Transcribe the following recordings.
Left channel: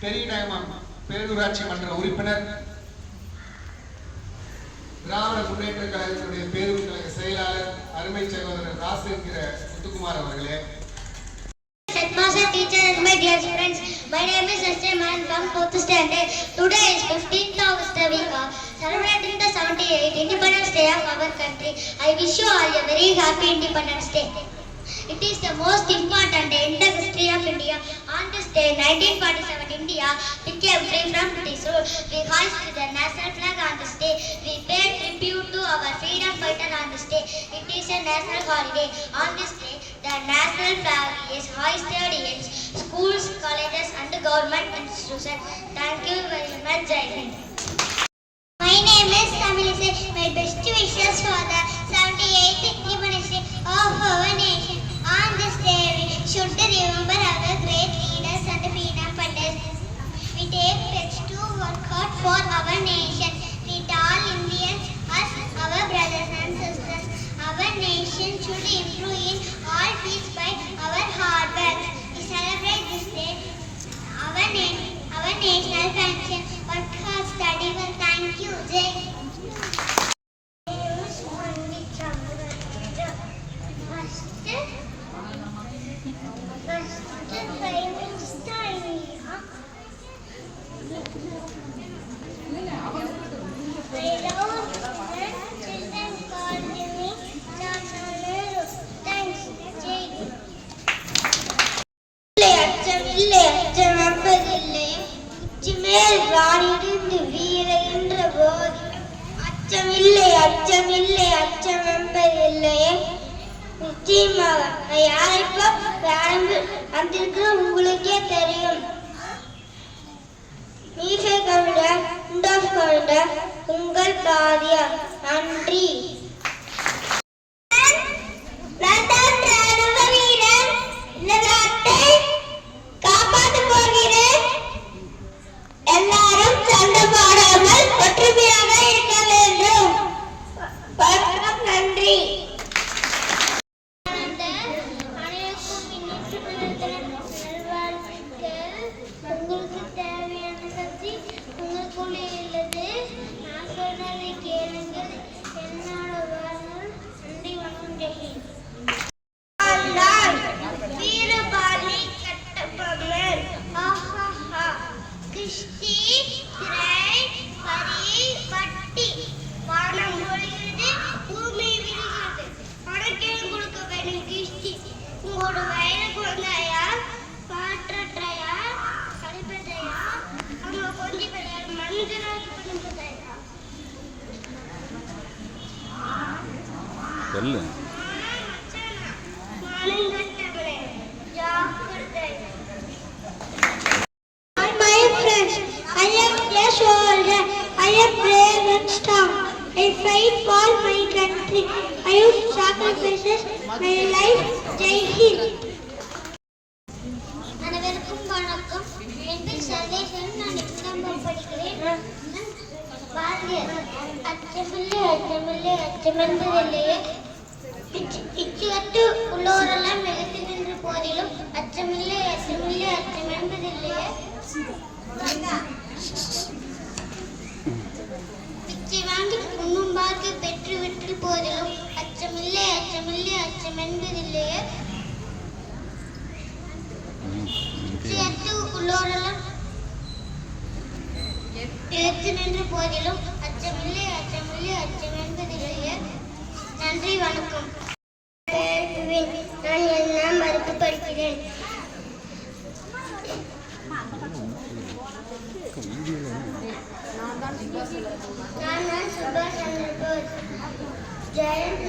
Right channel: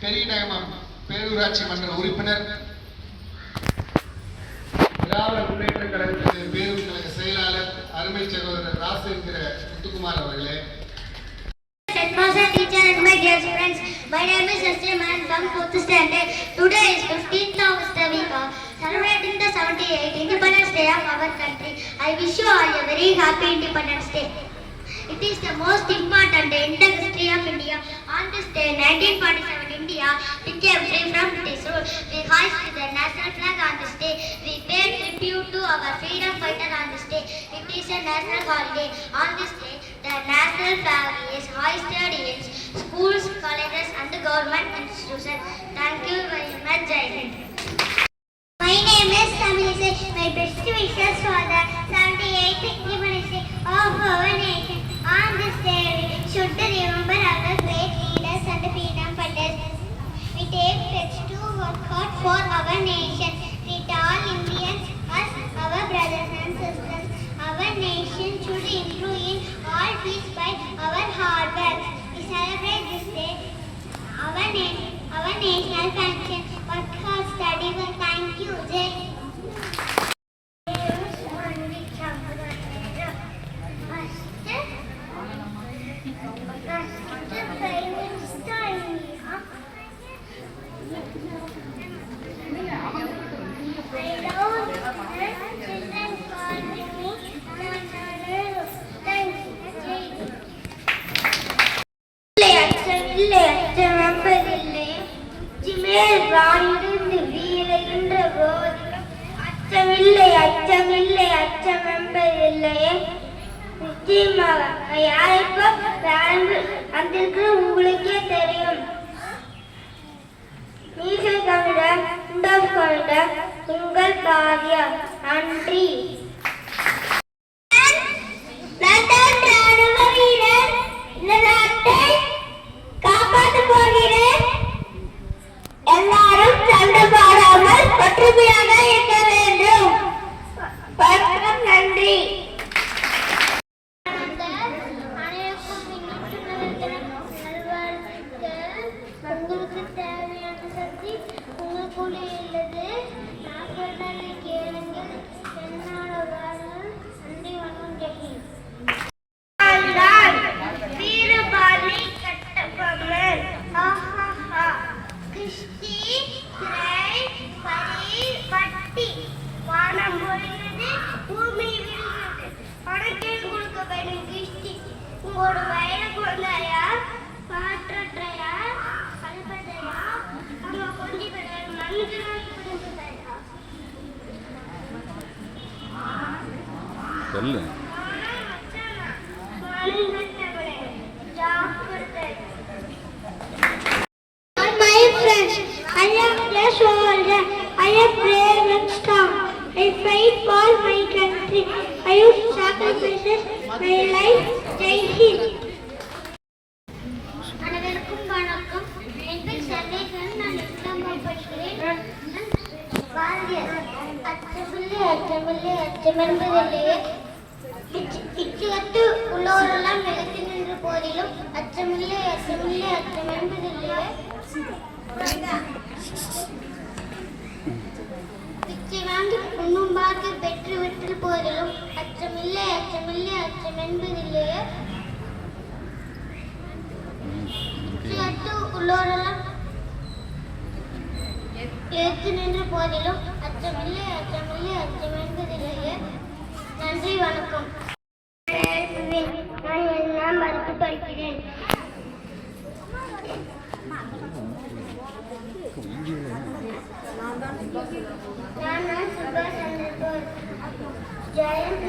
பெரியநகமம் பேரூராட்சி மன்ற உறுப்பினர், திராவிட முன்னேற்ற கழகத்தின் பேரூர் கழக செயலாளர் அருமை சகோதரர் ராசு என்கிற முத்துக்குமார் அவர்களே. Teacher and my dear friends, my name is Justin and I am 4th standard. Today is 15th August. We are celebrating the 78th Independence Day of our country. I wish you all a very happy Independence Day. It is the most important day in the history of India. On this day, 1947, India became free from British rule. We hoisted the national flag on this day. We paid tribute to our freedom fighter on this day. It is a national holiday. On this day, the national flag is hoisted in schools, colleges and government institutions. Thank you very much, Jai Hind. My name is Tamilise. My best wishes for the 78th Independence Day of our nation. On this day, we should remember our great leaders and freedom fighters. We take steps to work hard for our nation. Treat all Indians as our brothers and sisters. Our nation should improve in all fields by our hard work. We celebrate this day, our national function. Work hard, study well. Thank you, Jai. அச்சமில்லை அச்சமில்லை அச்சம் என்பதில்லையே. நிச்சயமாக யாரைப்போ வந்திருக்கிற உங்களுக்கே தெரியும். மீசை கவிட இண்டோஸ் கொண்ட உங்கள் பாதியா. நன்றி. எல்லாரும் சண்டை பாடாமல் ஒற்றுமையாக இருக்க வேண்டும். வணக்கம், நன்றி. உங்களுக்கு தேவையான சக்தி உங்களுக்குள்ளே உள்ளது. நான் சொன்னதை கேளுங்கள். என்னோட வாழ்நாள். நன்றி, வணக்கம், ஜெய். வீரபாணி கட்டபொம்மன். கிஷ்டி திரை பரி வட்டி. வானம் பொழிகிறது, பூமி விரிகிறது. பணக்கீழ் கொடுக்க வேண்டும் கிஷ்டி. உங்களோட வயலை குழந்தையா, காற்றற்றையா, கழிப்பதையா, அங்க கொஞ்சம் பேர் மனிதர்கள் பண்ணுறதையா. சொல்லு. My friends, I am a soldier. I am brave and strong. I fight for my country. I use sacrifices my life. Jai Hind. அனைவருக்கும் வணக்கம். என் பேர் சர்வேஸ்வரன். நான் 8ஆம் படிக்கிறேன். பாரதியார். அச்சமில்லை அச்சமில்லை அச்சமென்பதில்லையே. பிச்சுக்கட்டு உள்ளோரெல்லாம் நிலத்து நின்ற போதிலும் அச்சமில்லை அச்சமில்லை அச்சம் என்பதில்லையே. பிச்சை வாங்கி உண்ணும் பாக்கி பெற்று விட்டு போதிலும் அச்சமில்லை அச்சமில்லை அச்சம் என்பதில்லையே. பிச்சுக்கட்டு உள்ளோரெல்லாம் நிலத்து நின்ற போதிலும் அச்சமில்லை அச்சமில்லை அச்சம்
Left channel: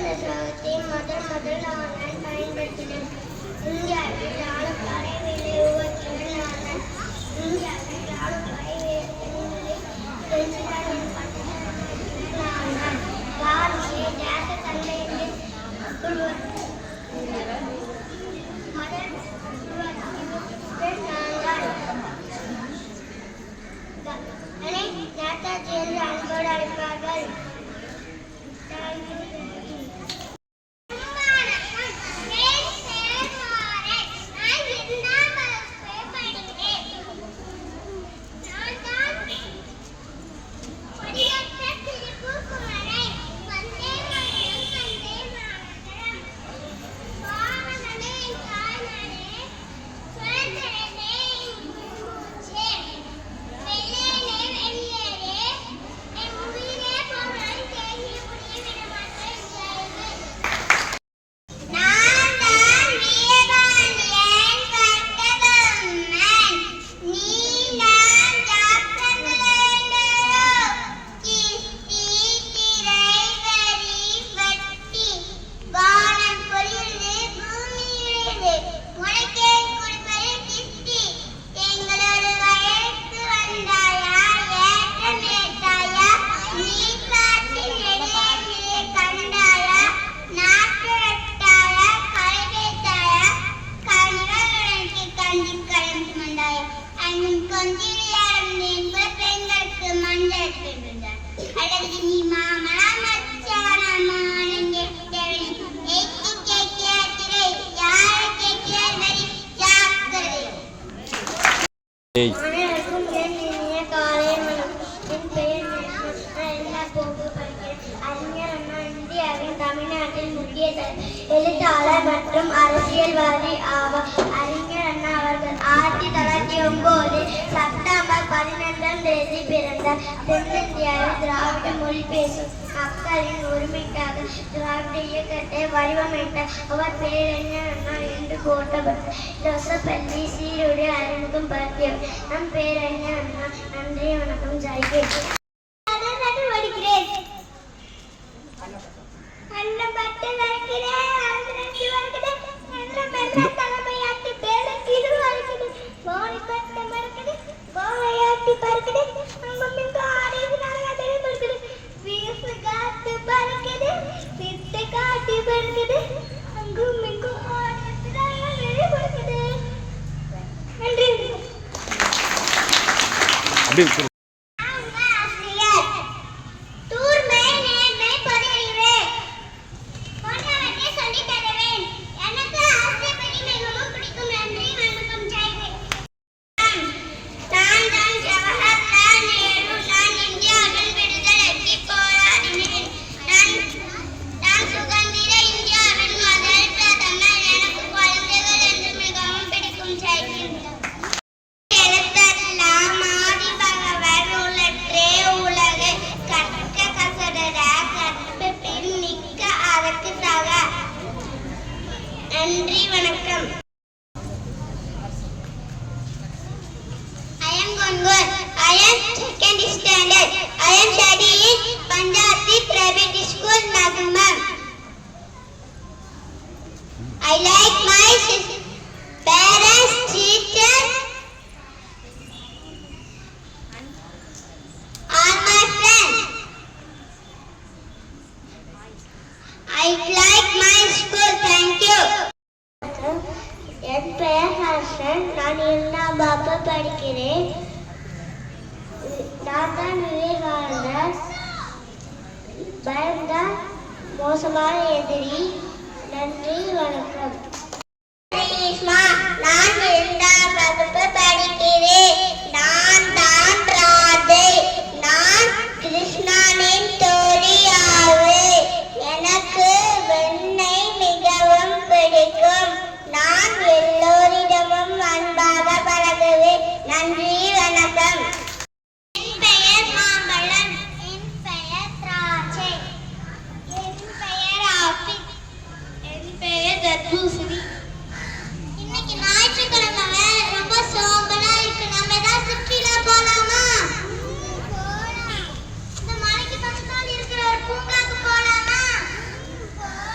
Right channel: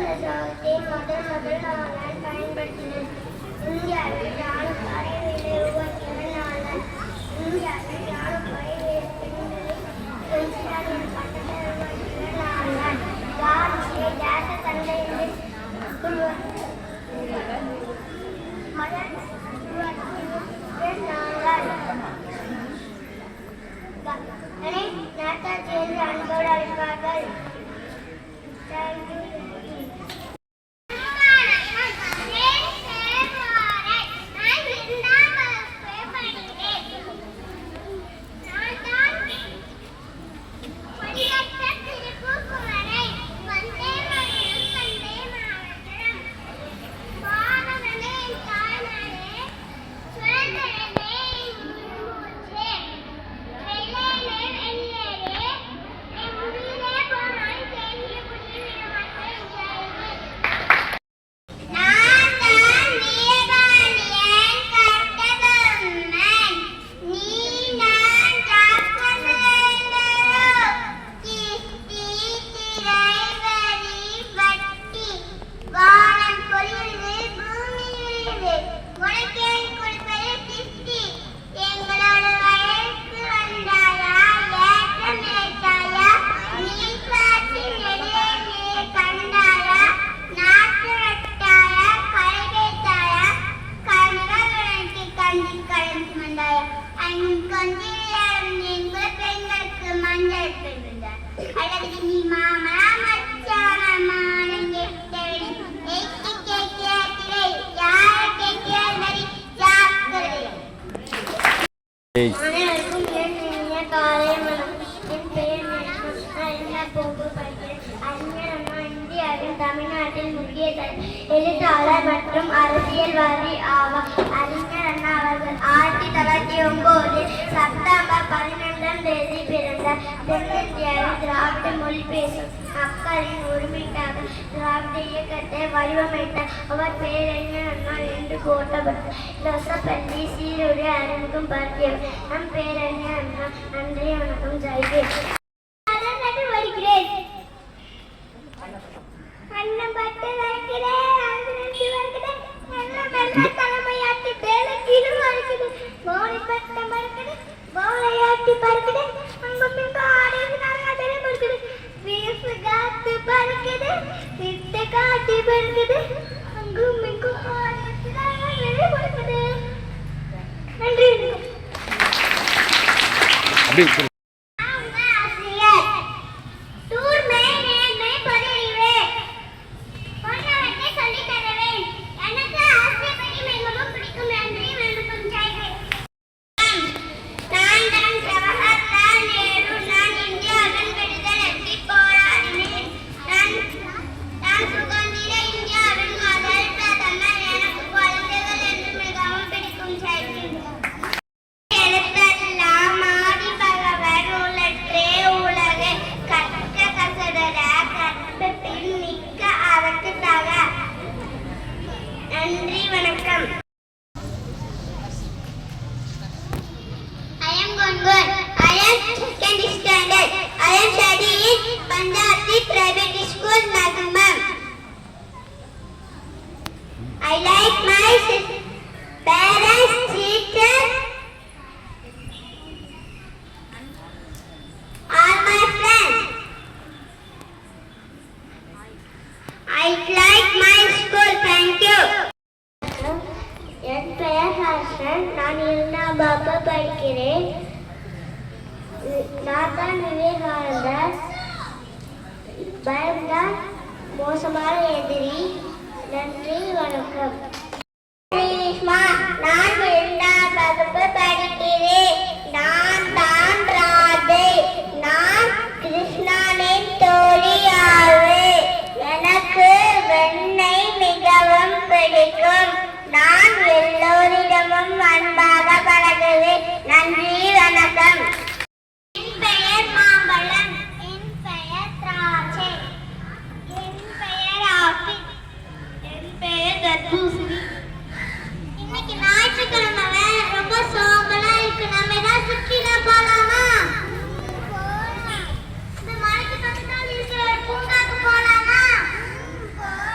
இந்த ஸ்லோகத்தை முதல் நான் பயன்படுத்தினேன். இந்தியாவில் ராணுவ படைகளை உருவாக்கியவர் நான். இந்தியாவில் ராணுவ படைகளை பிரெஞ்சுதான் என் பட்டத்தை உருவாக்கியவர் நான். பாரதிய தேச தந்தை என்று மதர் உருவாக்கியவர் நான். நேதாஜி என்று அன்போடு அழைப்பார்கள். அனைவருக்கும் என் இனிய காலை வணக்கம். என் பெயர் அறிஞர் அண்ணா இந்தியாவின் தமிழ்நாட்டில் முக்கிய எழுத்தாளர் மற்றும் அரசியல்வாதி ஆவார். அறிஞர் அண்ணா அவர்கள் 1909 செப்டம்பர் 12ஆம் தேதி பிறந்தார். தென்னிந்தியாவில் திராவிட மொழி பேசும் மக்களின் உரிமைக்காக திராவிட இயக்கத்தை வடிவமைத்தார். அவர் பேரறிஞர் அண்ணா என்று போற்றப்பட்டார். யோசப்பள்ளி சீருடை அறிமுகம் பற்றியவர் நம் பேரறிஞர் அண்ணா. நன்றி, வணக்கம். ஜெய்கே. அப்படியே I like my parents, teachers, all my friends. I like my school. Thank you. என் பெயர் ஹர்ஷன். நான் 2ஆம் வகுப்பு படிக்கிறேன். நான் தான் விவேகானந்தர். பயம்தான் மோசமான எதிரி. நன்றி, வணக்கம். நான் 2ஆம் வகுப்பு படிக்கிறேன். நான் தான் ராதை. நான் கிருஷ்ணனின் தோழி ஆவேன். எனக்கு வெண்ணெய் மிகவும் பிடிக்கும். நான் எல்லோரிடமும் அன்பாக பழகுவேன். நன்றி, வணக்கம். என் பெயர் மாம்பழம். என் பெயர் திராட்சை. என் பெயர் ஆப்பிள். என் பெயர் தர்பூசணி. இன்னைக்கு ஞாயிற்றுக்கிழமை ரொம்ப சோம்பலா இருக்கு. நம்ம ஏதாவது சுற்றிலா போலாமா? போலாம். இந்த மலைக்கு பக்கத்தால் இருக்கிற ஒரு பூங்காக்கு போலாமா? போலாம்.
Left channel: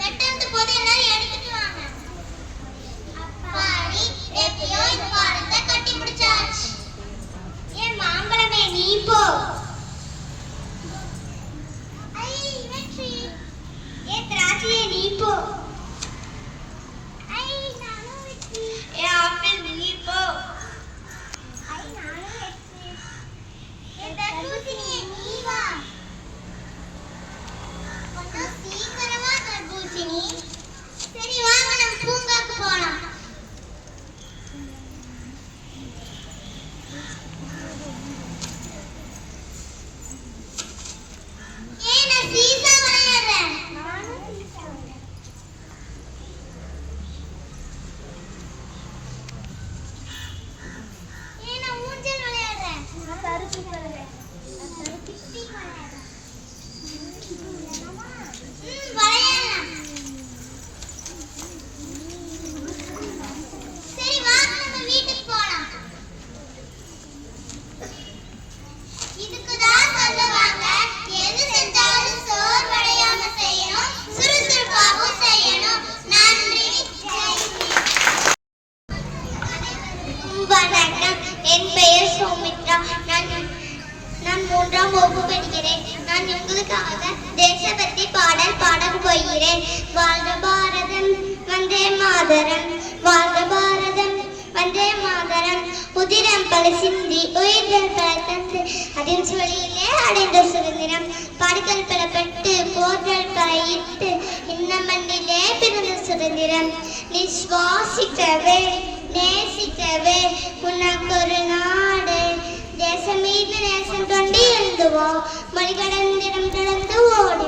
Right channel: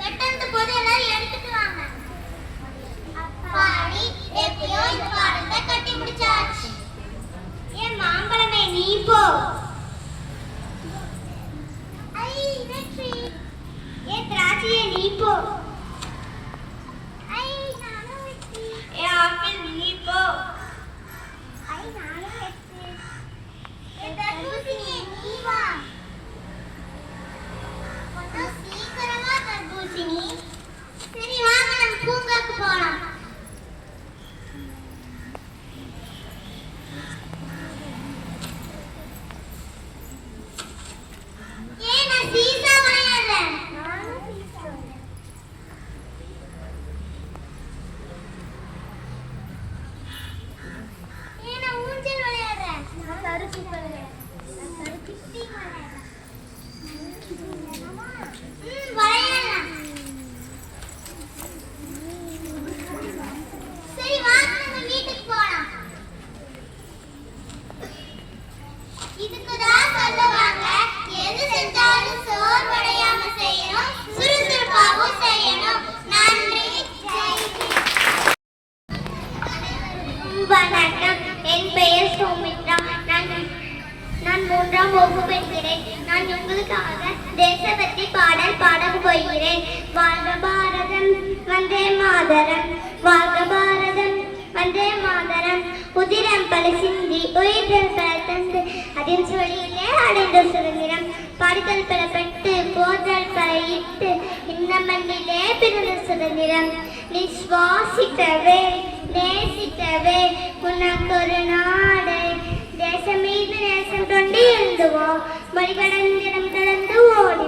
வெட்டறது போது எல்லாரும் எடுத்துட்டு வாங்க. அப்பாடி எப்பயோ இந்த பாடத்தை கட்டி முடிச்சாச்சு. ஏன் மாம்பழமே நீ போ. ஐ வெற்றி. ஏன் திராட்சையே நீ போ. ஐ நானும் வெற்றி. ஏன் ஆப்பிள் நீ போ. ஐ நானும் வெற்றி. ஏன் தர்பூசணியே நீ வா. கொஞ்சம் சீக்கிரமா தர்பூசணி. சரி வாங்க நம்ம பூங்காக்கு போலாம். ஏன் நான் சீசா விளையாடுறேன். நானும் சீசா விளையாடுறேன். ஏன் நான் ஊஞ்சல் விளையாடுறேன். நான் சறுக்கு விளையாடுறேன். நான் சறுக்கு விளையாடுறேன். விளையாடலாம். சரி வாங்க நம்ம வீட்டுக்கு போலாம். இதுக்குதான் சொல்லுவாங்க, எது செஞ்சாலும் சோர்வடையாம செய்யணும், சுறுசுறுப்பாகவும் செய்யணும். நன்றி. வணக்கம். என் பெயர் சௌமித்ரா. நான் 3ஆம் வகுப்பு படிக்கிறேன். நான் உங்களுக்காக தேசபக்தி பாடல் பாடப் போகிறேன். வாழ்க பாரதம் வந்தே மாதரம், வாழ்க பாரதம் வந்தே மாதரம். உதிரம் பல சிந்தி உயிர்கள் பல தந்து அதில் சொல்லிலே அடைந்த சுதந்திரம். பாடுகள் பல பட்டு போர்கள் பல இட்டு இந்த மண்ணிலே பிறந்த சுதந்திரம். நீ சுவாசிக்கவே நேசிக்கவே உனக்கு ஒரு நாடு. தேசம் மீது நேசம் தொண்டி எழுந்துவா மொழி கடந்திடம் கடந்து ஓடி